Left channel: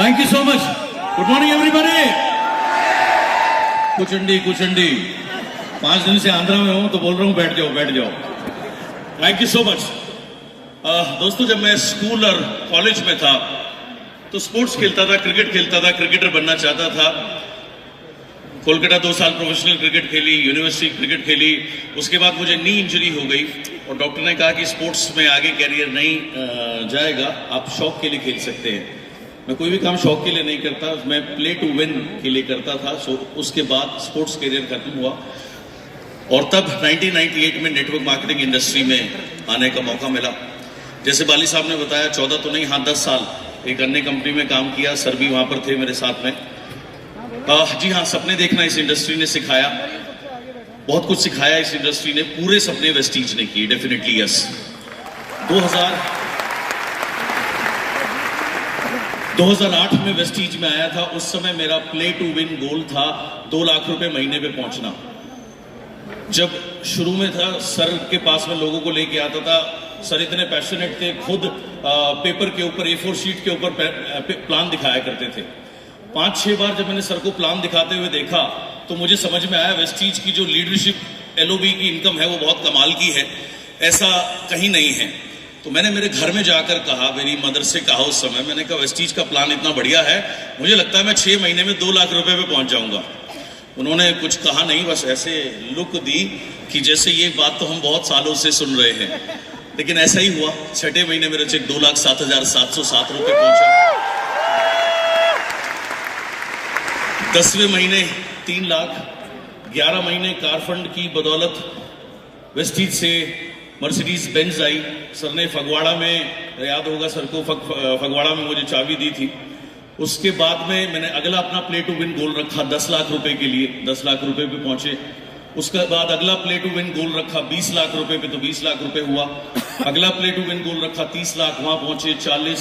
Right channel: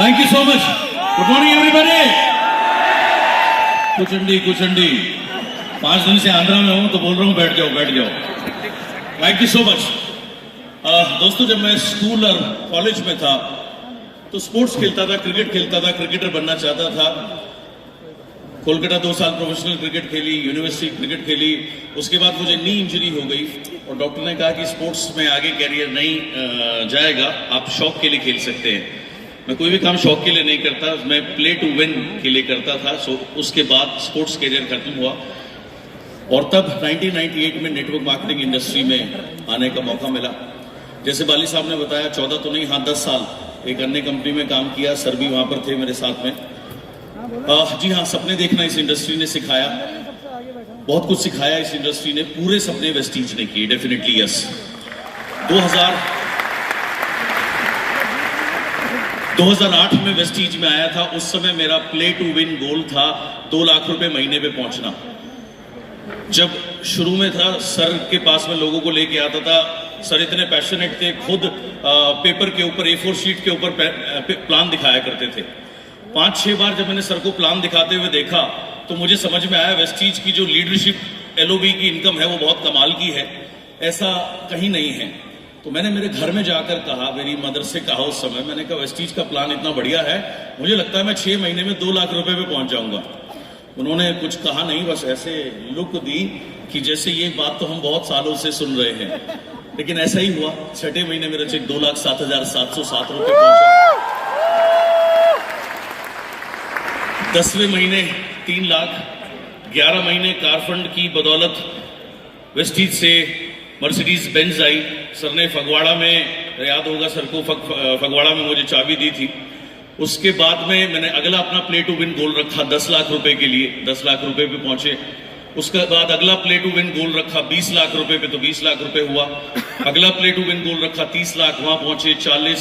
Thank you so much. Good morning, everybody. कुचंडी 5 दिन से आंध्रा में हूं तो बोल रहा हूं बैठ जाओ. Thank you so much. दोस्तों, जब मैं स्कूल और कॉलेज में था तो स्पोर्ट्स खेलता था, क्रिकेट खेलता था, क्रिकेटर बनना चाहता था. कोलकाता 2 साल प्रोफेशनल क्रिकेट खेली, यूनिवर्सिटी क्रिकेट खेली. उसके बाद मुझे नी इंजरी हो गई और डॉक्टर ने कहा कि स्पोर्ट्स में आगे कैरियर नहीं जाएगा, आप शौक के लिए खेल सकते हैं. मैं कोई भी काम शौक के लिए नहीं करता, मैं प्ले टू विन के लिए करता था. उसके बाद स्पोर्ट्स कैरियर खत्म हुआ और तब 1998 में नेटवर्क मार्केटिंग इंडस्ट्री में आने का मौका मिला. जैसे बाली साहब ने बताया, 14 तो नहीं, हाँ 10 साल एक अन्य कंपनी में काम किया. सर भी वहां पर थे मेरे साथ में. जी हाँ, सपने देखना इस इंडस्ट्री ने सिखाया, बहुत कुछ सिखाया इस इंडस्ट्री ने. पूरे सपने वेस्टीज ने किए, डेफिनेटली यस. 2008 में वेस्टीज में आया था. उस समय मेरा प्ले टू विन गोल था 2 लाख रुपए महीने पे पहुंचना. जब शुरू में था, सर के पास में लोगों को लेके आता था. सर इतने पैशनेट थे, खुद पेपर के ऊपर, A4 शीट के ऊपर प्लान दिखाया करते थे. 5-6 बार जब मैंने सर को प्लान दिखाते हुए देखा तो मुझे समझ में आया वेस्टीज की जो लीडरशिप LOB की इनकम है वो बहुत कमाल की है, ऐसा कहीं नहीं है. तो मैंने मेरे घर में जाकर कहा, मेरी मदर से कहा उस समय, मैंने कहा वेस्टीज का प्लान इतना बढ़िया है, मुझे लगता है मैं 6 महीने में 2 लाख रुपए पे पहुंच जाऊंगा. उन्होंने कुछ कहा नहीं, बस ऐसे लुक दी कि जैसे ये बात तो हम बहुत सालों से सुन रहे हैं. लेकिन ऐसा ही हुआ. 6 महीने मेरा चेक 2,07,707 रुपए पहुंचा. 10वें महीने 3 लाख. 11 महीने कार फंड की बदौलत वेस्टीज से मर्सिडीज बेंज आई. सर ने फगवाड़ा में, याद होगा सर को, फगवाड़ा में मुझे चाबी दी थी. उसके बाद में मैंने अगला अपना प्ले टू विन गोल रखा 10 लाख रुपए के लिए. 10 लाख रुपए पे पहुंचे. उसके बाद अगला प्ले टू विन गोल रखा 20 लाख रुपए पे, तो 20 लाख रुपए हुआ. अगला प्ले टू विन गोल रखा 30 लाख, वहां पहुंचे 40,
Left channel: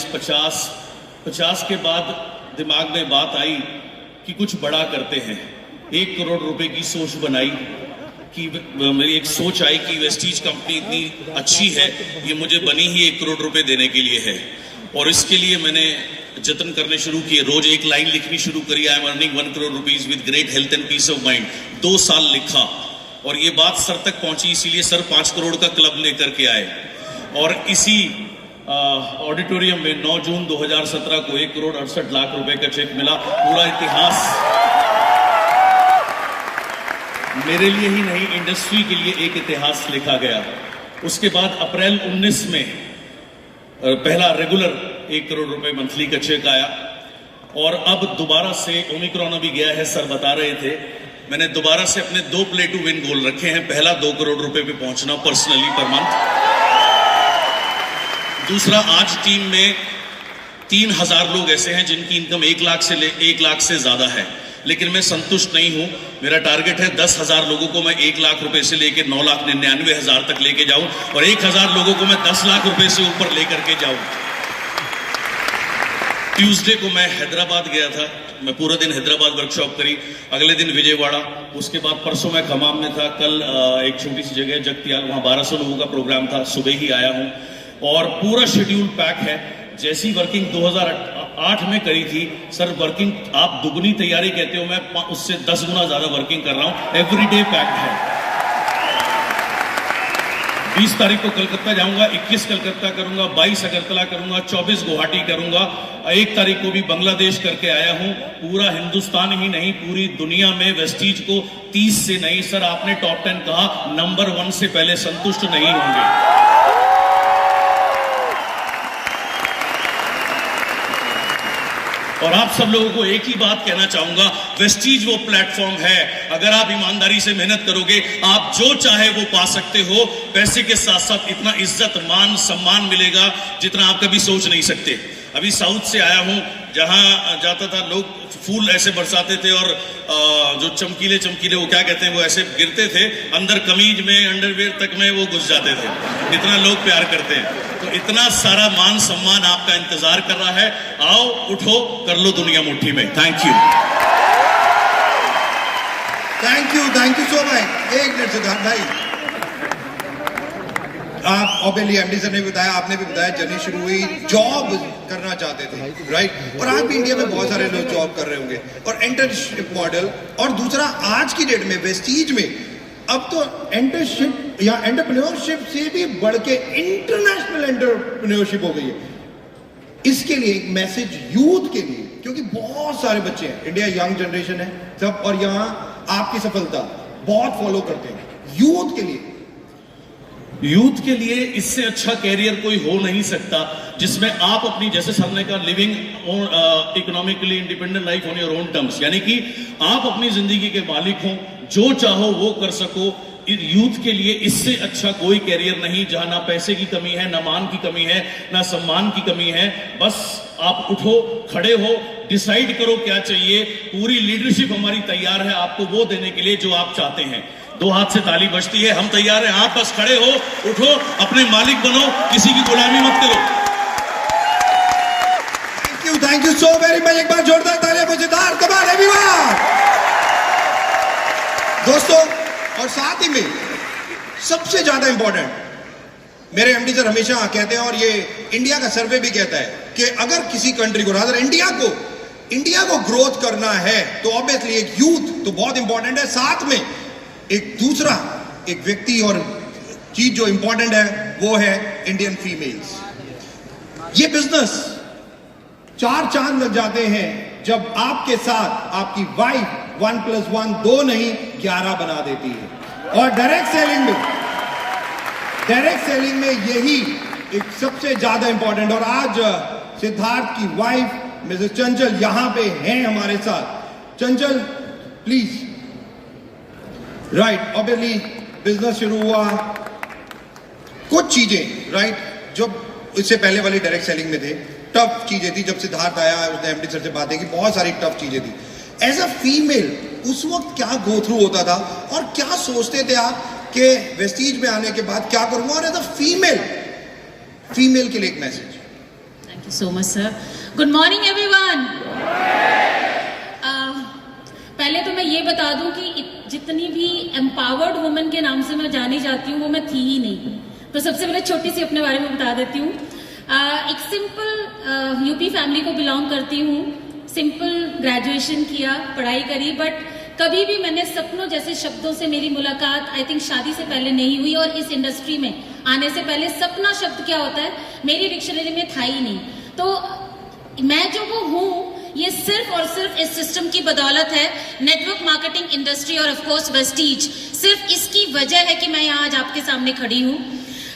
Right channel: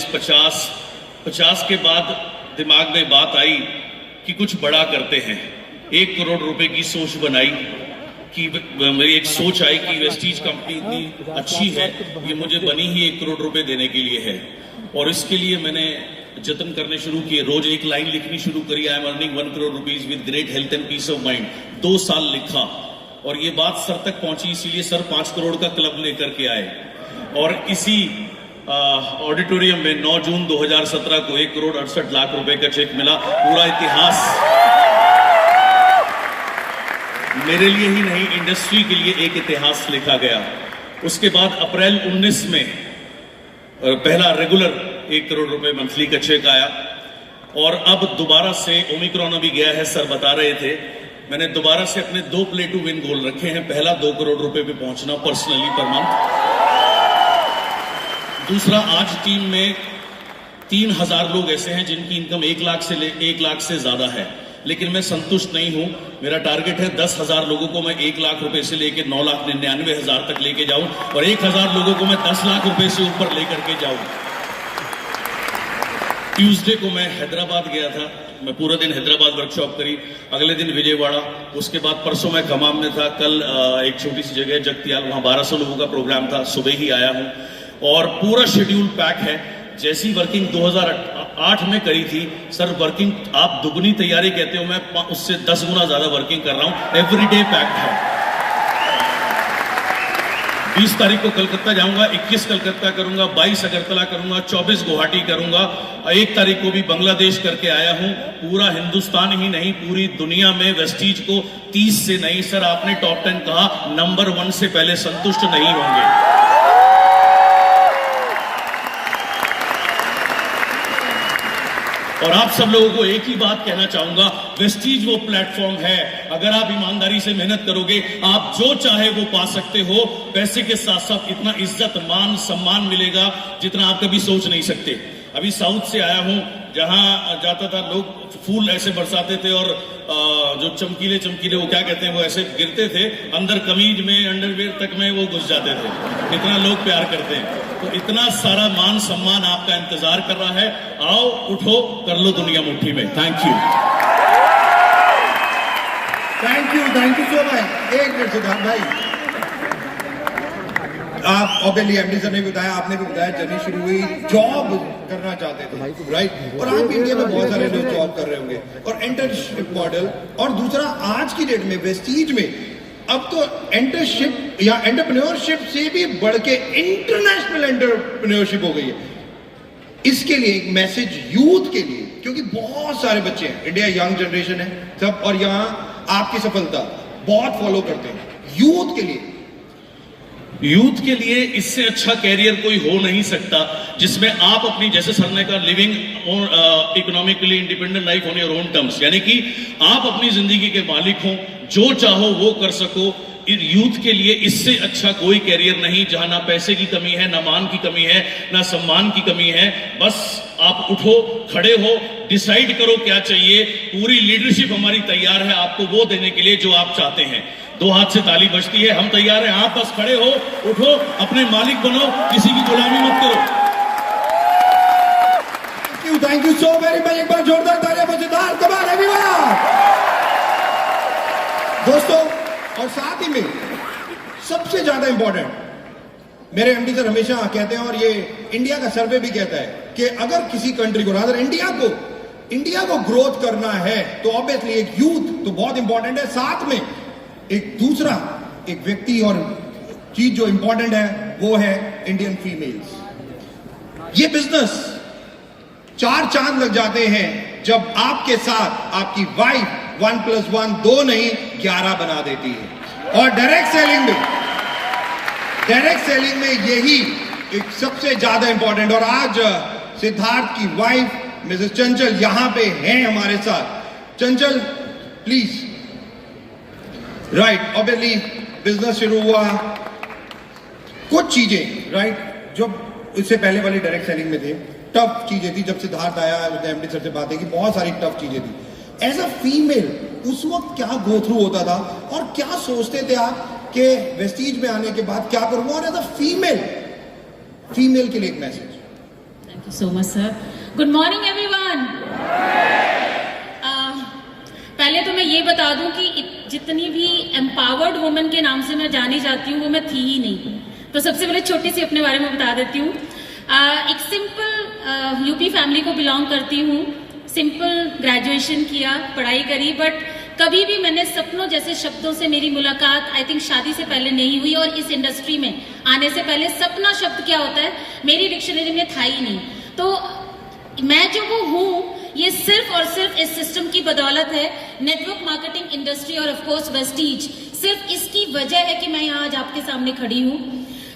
50 के बाद दिमाग में बात आई कि कुछ बड़ा करते हैं. 1 करोड़ रुपए की सोच बनाई कि मेरी एक सोच आई कि वेस्टीज कंपनी इतनी अच्छी है, ये मुझे बनी ही 1 करोड़ रुपए देने के लिए है. और इसके लिए मैंने जतन करने शुरू किए. रोज एक लाइन लिखनी शुरू करी, I am earning 1 crore rupees with great health and peace of mind. 2 साल लिखा और ये बात सर तक पहुंची, इसीलिए सर 5 करोड़ का क्लब लेकर के आए. और इसी ऑडिटोरियम में 9 जून 2017 को 1 करोड़ 68 लाख रुपए का चेक मिला. पूरा इतिहास मेरे लिए ही नहीं, इंडस्ट्री के लिए एक इतिहास लिखा गया. उसके बाद अप्रैल 19 में पहला रेगुलर 1 करोड़ रुपए मंथली का चेक आया. और अब दोबारा से ओमिक्रॉन अभी गया है, सर बता रहे थे, मैंने दोबारा से अपने 2 प्ले टू विन गोल रखे हैं. पहला 2 करोड़ रुपए पे पहुंचना पर्सनली पर मंथ. दूसरा, आज टीम में 3000 लोग ऐसे हैं जिनकी इनकम 1 लाख से ज्यादा है. लेकिन मैं संतुष्ट नहीं हूं. मेरा टारगेट है 10,000 लोगों को मैं 1 लाख रुपए से लेकर 9,99,000 तक लेके जाऊं और 1,000 लोगों को मैं 10 लाख रुपए से ऊपर लेकर के जाऊं. ट्यूसडे को मैं हैदराबाद गया था. मैं पूरा दिन हैदराबाद वर्कशॉप करी. अगले दिन विजयवाड़ा. उसके बाद परसों मैं खमाम में था. कल एक छोटी सी जगह जगतियाल, वहां 1200 लोगों का प्रोग्राम था. सुबह ही आया हूं और पूरा शेड्यूल पैक है. जैसी वर्किंग 2008 में करी थी, सर वर्किंग आप दुगनी तैयारी कहते हो, मैं उससे 10 गुना ज्यादा वर्किंग कर रहा हूं. एवरीडे पैक्ड है. 20 तारीख को कलकत्ता जाऊंगा, 21 कलकत्ता करूंगा, 22 अगरतला करूंगा, 24 गुवाहाटी करूंगा. 1 तारीख को भी बांग्लादेश करके आया हूं. पूरा हिंदुस्तान ही नहीं, पूरी दुनिया में वेस्टीज को 30 से नहीं, सर आपने टॉप 10 कहा, नंबर 1 से पहले संतुष्ट नहीं होंगे. और आप सब लोगों को एक ही बात कहना चाहूंगा, वेस्टीज वो प्लेटफॉर्म है, अगर आप ईमानदारी से मेहनत करोगे, आप जो चाहे वो पा सकते हो. पैसे के साथ साथ इतना इज्जत, मान, सम्मान मिलेगा जितना आप कभी सोच नहीं सकते. अभी साउथ से आया हूं, जहां जाता था लोग फूल ऐसे बरसाते थे और जो चमकीले वो क्या कहते हैं, वो ऐसे गिरते थे, अंदर कमीज में, अंडरवेयर तक में वो घुस जाते थे. इतना लोग प्यार करते हैं. तो इतना सारा मान सम्मान आपका इंतजार कर रहा है. आओ, उठो, कर लो दुनिया मुट्ठी में. Thank you. Thank you so भाई. 1 मिनट सिद्धार्थ भाई, आप ऑब्वियसली एमडी सर ने बताया, आपने भी बताया, जर्नी शुरू हुई जॉब करना चाहते थे, राइट? और आज भी इंडिया में बहुत सारे लोग जॉब कर रहे होंगे और एंटरशिप मॉडल। और दूसरा, आज की डेट में वेस्टीज में अब तो एंटरशिप या एंटरप्रेन्योरशिप से भी बढ़ के इंटरनेशनल एंटरप्रेन्योरशिप हो गई है। इसके लिए एक मैसेज यूथ के लिए, क्योंकि बहुत सारे बच्चे हैं, इंडिया यंग जनरेशन है सब, और यहाँ आपकी सफलता बहुत फॉलो करते हैं। यूथ के लिए इससे अच्छा कैरियर कोई हो नहीं सकता जिसमें आप अपनी, जैसे सर ने कहा, living economically independent life on your own terms, यानी कि आप अपनी जिंदगी के मालिक हो, जो चाहो वो कर सको। यूथ के लिए इससे अच्छा कोई कैरियर नहीं, जहां ना पैसे की कमी है, ना मान की कमी है, ना सम्मान की कमी है। बस आप उठो, खड़े हो, डिसाइड करो क्या चाहिए। पूरी लीडरशिप हमारी तैयार है आपको वो देने के लिए जो आप चाहते हैं। 2 हाथ से ताली बजती है, हम तैयार हैं। आप बस खड़े हो, उठो, अपने मालिक बनो, किसी की गुलामी मत करो। Thank you so very much. एक बार जोरदार तालियां मजेदार कमाल एवरीवन। दोस्तों, और साथ ही में सबसे ज्यादा इंपॉर्टेंट, मेरे एमडी सर हमेशा कहते हैं, और ये इंडिया का सर्वे भी कहता है, कि अगर किसी कंट्री को, अगर इंडिया को ग्रोथ करना है तो ऑब्वियसली एक यूथ तो बहुत इंपॉर्टेंट है। साथ में एक दूसरा एक व्यक्ति और चीज जो इंपॉर्टेंट है वो है इंडियन फीमेल्स। ये बिजनेस 4 चांद लग जाते हैं जब आपके साथ आपकी वाइफ 1 + 1 2 नहीं 11 बना देती है। और डायरेक्ट सेलिंग में यही एक सबसे ज्यादा इंपॉर्टेंट। और आज सिद्धार्थ की वाइफ मिसेस चंचल यहां पे हैं हमारे साथ। चंचल प्लीज। राइट, ऑब्वियसली बिजनेस शुरू हुआ, कुछ चीजें, राइट, जब इससे पहले वाली डायरेक्ट सेलिंग में थे, टफ चीजें थी। जब सिद्धार्थ आया, एमडी सर से बातें की, बहुत सारी टफ चीजें थी। एज अ फीमेल उस वक्त क्या गो थ्रू होता था और क्या सोचते थे आप कि वेस्टीज में आने के बाद क्या करूंगा? और एज अ फीमेल के लिए एक message. Thank you so much sir. Good morning everyone. पहले तो मैं ये बता दूं कि जितनी भी एम्पावर्ड वुमेन के नाम से मैं जानी जाती हूँ वो मैं थी ही नहीं। तो सबसे पहले छोटी सी अपने बारे में बता देती हूँ। एक सिंपल यूपी फैमिली को बिलोंग करती हूँ। सिंपल ग्रेजुएशन किया, पढ़ाई करी, बट कभी भी मैंने सपनों जैसे शब्दों से मेरी मुलाकात आई थिंक शादी से पहले नहीं हुई। और इस इंडस्ट्री में आने से पहले सपना शब्द क्या होता है मेरी डिक्शनरी में था ही नहीं। तो मैं जो वो हूँ ये सिर्फ और सिर्फ इस सिस्टम की बदौलत है, नेटवर्क मार्केटिंग इंडस्ट्री और ऑफ कोर्स वेस्टीज। सिर्फ इसकी वजह है कि मैं यहाँ आज आपके सामने खड़ी हूँ।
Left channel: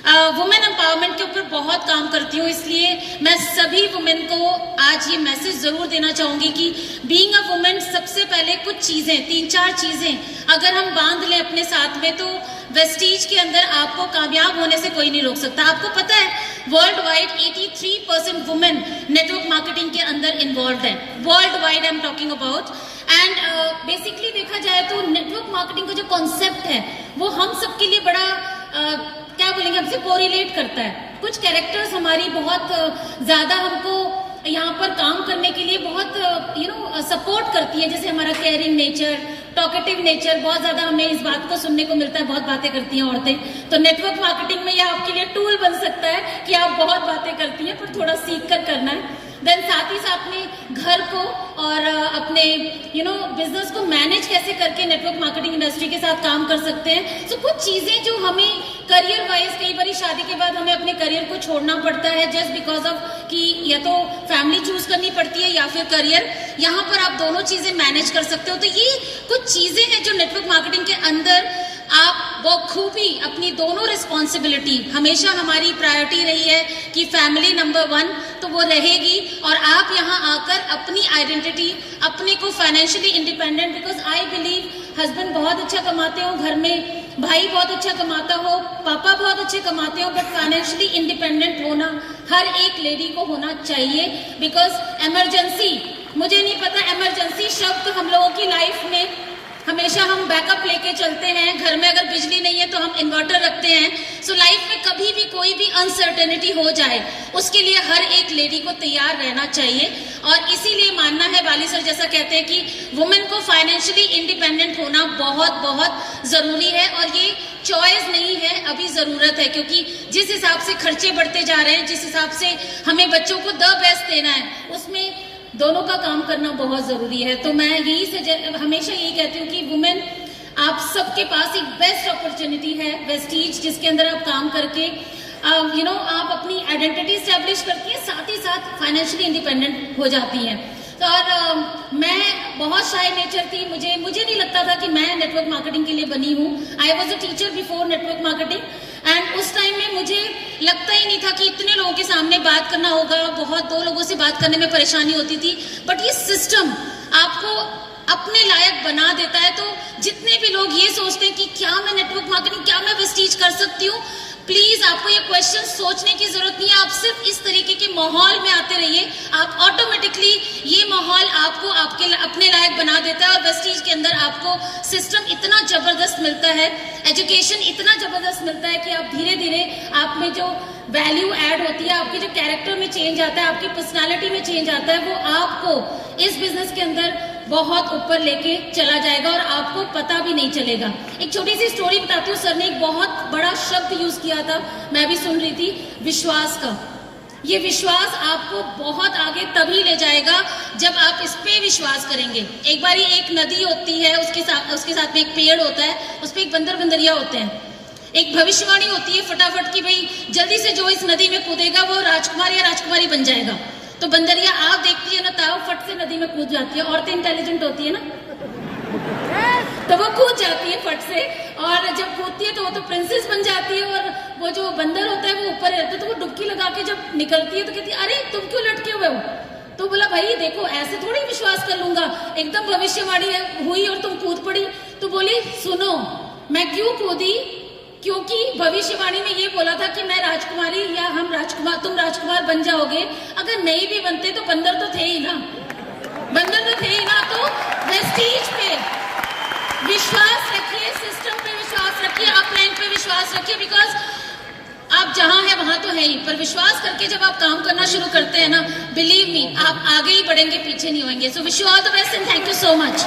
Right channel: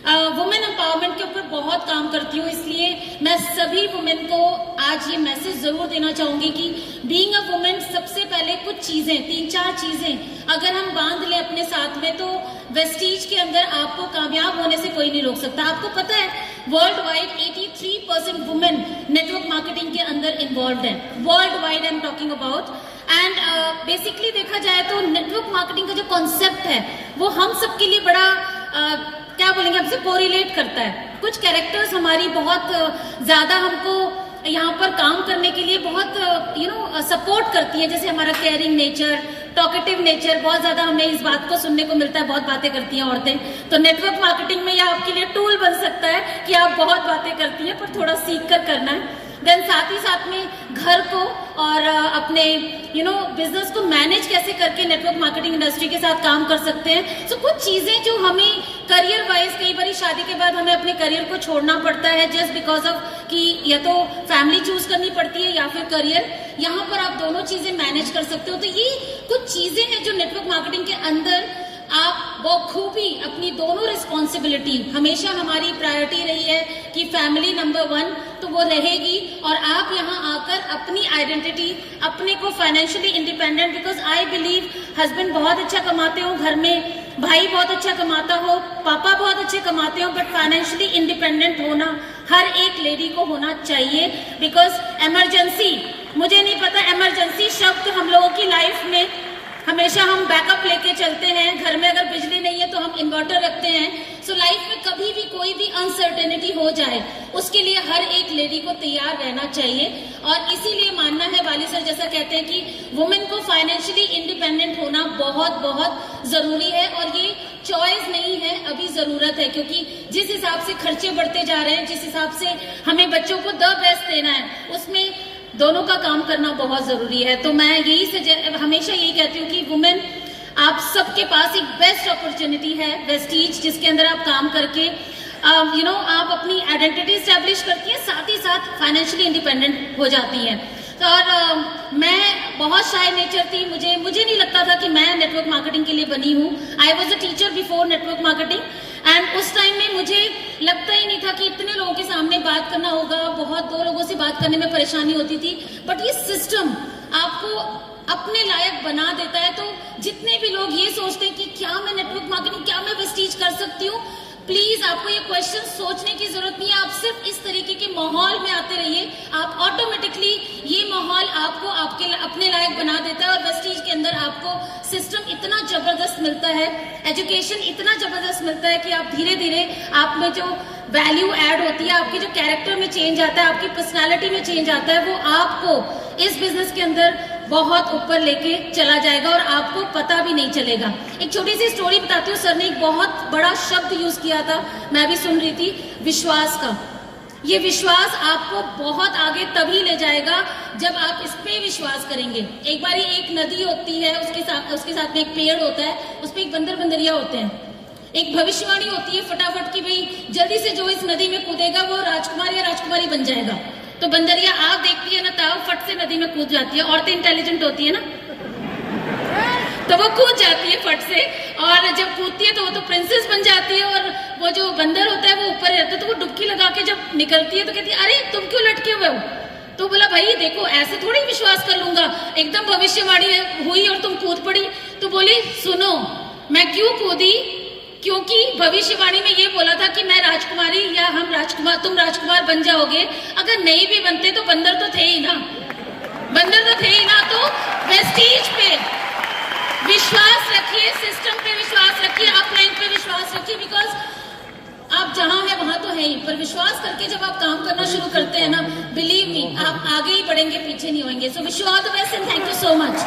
वुमेन एम्पावरमेंट के ऊपर बहुत काम करती हूँ, इसलिए मैं सभी वुमेन को आज ये मैसेज जरूर देना चाहूंगी कि बीइंग अ वुमेन सबसे पहले कुछ चीजें, 3-4 चीजें अगर हम बांध लें अपने साथ में तो वेस्टीज के अंदर आपको कामयाब होने से कोई नहीं रोक सकता। आपको पता है world wide 83% women network marketing के अंदर इन्वॉल्व है। World wide I am talking about. And basically देखा जाए तो नेटवर्क मार्केटिंग का जो कॉन्सेप्ट है वो हम सबके लिए बड़ा क्या बोलेंगे, हमसे कोरिलेट करता है। कुछ कैरेक्टर्स हमारी बहुत ज्यादा हमको यहाँ पर काम करने के लिए बहुत सपोर्ट करती हैं। जैसे हमारा केयरिंग नेचर, टॉकेटिव नेचर, बहुत ज्यादा हमें इस बात को सुनने को मिलता है, बहुत बातें करती हैं औरतें। तो नेटवर्क मार्केटिंग में यह आपके लिए टूल बन सकता है कि आप बहुत बातें करती हैं पर थोड़ा सीख कर करना है। देन साथ ही साथ में घर को और अपने बिजनेस को मैनेज कैसे करके नेटवर्क मार्केटिंग इंडस्ट्री के साथ काम कर सकते हैं। सो कुछ चीजें जो हमें करियर वाइज, कई बार शादी के बाद हमें अपने करियर को छोड़ना पड़ता है जस्ट बिकॉज ऑफ कि या तो फैमिली चूज करनी पड़ती है या फिर करियर। यहाँ पर आप दोनों चीजें मैनेज कर सकते हो। तो ये कुछ चीजें हैं जो नेटवर्क मार्केटिंग के अंदर आप बखूबी अपनी दोनों रिस्पॉन्सिबिलिटी, हमेशा हमारी प्रायोरिटी रही है कि फैमिली नंबर 1 तो वो रहेगी। और आप यहाँ आकर अपनी आइडेंटिटी, अपने को financially independent, because I believe husband बहुत अच्छा कमाते हो घर में, भाई बहुत अच्छा कमाता हो, पापा बहुत अच्छे कमाते हो, बट फाइनेंशियली इंडिपेंडेंट होना हर एक लेडी को होना चाहिए। बिकॉज इमरजेंसी, मुझे नहीं पता, इमरजेंसी शब्द हम लोगों की लाइफ में हमेशा हम बैकअप लेके चलते हैं। घर में अगर बिजली नहीं है तो हम इन्वर्टर रखते हैं। सो लाइफ में कभी भी कोई भी अनसर्टेनिटी हो जाए उसके लिए हर एक लेडी को तैयार रहना चाहिए। और इसीलिए मानना है, वाली सर जैसा कहते हैं कि वुमेन को फाइनेंशियली इंडिपेंडेंट होना बहुत बहुत जरूरी है। और ये चॉइस नहीं है, अभी जरूरत है, क्योंकि जिस हिसाब से खर्चे बढ़ते जा रहे हैं, जिस हिसाब से हमें बच्चों को द बेस्ट देना है, उसमें दोनों का काम करना बहुत जरूरी है। तो मैं हमेशा यही कहती हूँ कि वुमेन, आप सबके पास एक बेस्ट अपॉर्चुनिटी है वेस्टीज, जिसके अंदर आप काम करके आप अपनी आइडेंटिटी स्टैब्लिश करती हैं, साथ ही साथ फाइनेंशियली इंडिपेंडेंट हो जाती हैं। तो और मैं बहुत शाय नेचर थी, मुझे नहीं लगता था कि मैं नेटवर्क मार्केटिंग के लिए बनी हूँ। I was a teacher before network marketing, and उस टाइम में मुझे लगता ही नहीं था कि इतने लोगों के सामने बात करना होगा, बहुत 2 लोगों से बात करने में परेशानी होती थी। बट ये सिस्टम आपको अपने लायक बना देता है। तो जितने भी लोग ये सोचते हैं कि क्या मैं नेटवर्क मार्केटिंग, क्या मैं वेस्टीज कर सकती हूँ, प्लीज आपको ये क्वेश्चन सोचने की जरूरत नहीं है। आप सिर्फ इस तरीके के माहौल में आते रहिए, आप ऑटोमेटिकली ये माहौल आपको अपने लायक बना देता है। और वेस्टीज के अंदर आपको सिस्टम इतना जबरदस्त मिलता है, एजुकेशन इतना जबरदस्त मिलता है कि आप धीरे धीरे आप में जो वैल्यू ऐड होती है, आपके जो कैरेक्टर में चेंज आता है, आपकी पर्सनैलिटी में चेंज आता है, वो आपको इस बिजनेस के अंदर बहुत ऊपर लेके चला जाएगा और आपको पता भी नहीं चलेगा। एक छोटी सी स्टोरी बताती हूँ। सर ने एक बहुत बड़ा शब्द यूज किया था, मैं भी सुन रही थी, विश्वास का। ये विश्वास आपको बहुत आगे तभी ले जाएगा जब आप इस पे विश्वास करेंगे। एक बार एक नदी होती है, उसके साथ में एक पेड़ होता है, उस पे एक बंदर बंदरिया होते हैं। एक भविष्यवाणी होती है फटाफट की, भाई जल्दी से जो इस नदी में कूदेगा वो राजकुमार या राजकुमारी बन जाएगा। तो बंदरिया आप देखती है ना, ताऊ फट से नदी में कूद जाती है। औरतें इंटेलिजेंट होती है ना, तो वो कूद जाती है फट से, और जब कूदती है तो वो तो प्रिंसेस बन जाती है, और वो जो बंदर होता है वो ऊपर रहता है। तो वो डुबकी लगा के जब निकलती है तो कहती है, अरे तुम क्यों लटके हुए हो? तो बोला, भाई देखो ऐसे थोड़ी विश्वास कर लूंगा, एकदम भविष्यवाणी हुई और तुम कूद पड़ी। तो बोली, सुनो मैं क्यों कूदी, क्योंकि भविष्यवाणी में ये बोला था कि मैं राजकुमारी या तुम राजकुमार बन जाओगे। अगर नहीं भी बनते तो बंदर तो थे ही ना, तो वेस्टीज पे विश्वास रखिए, सिस्टम पे विश्वास रखिए, अपलाइन पे विश्वास रखिए, बिकॉज आप जहां है वहां तो है ही, पर विश्वास करके जब आप काम करना शुरू करते हैं ना, बिलीव मी, आप आगे ही बढ़ेंगे, पीछे नहीं होंगे। So wish you all the best and thank you so much.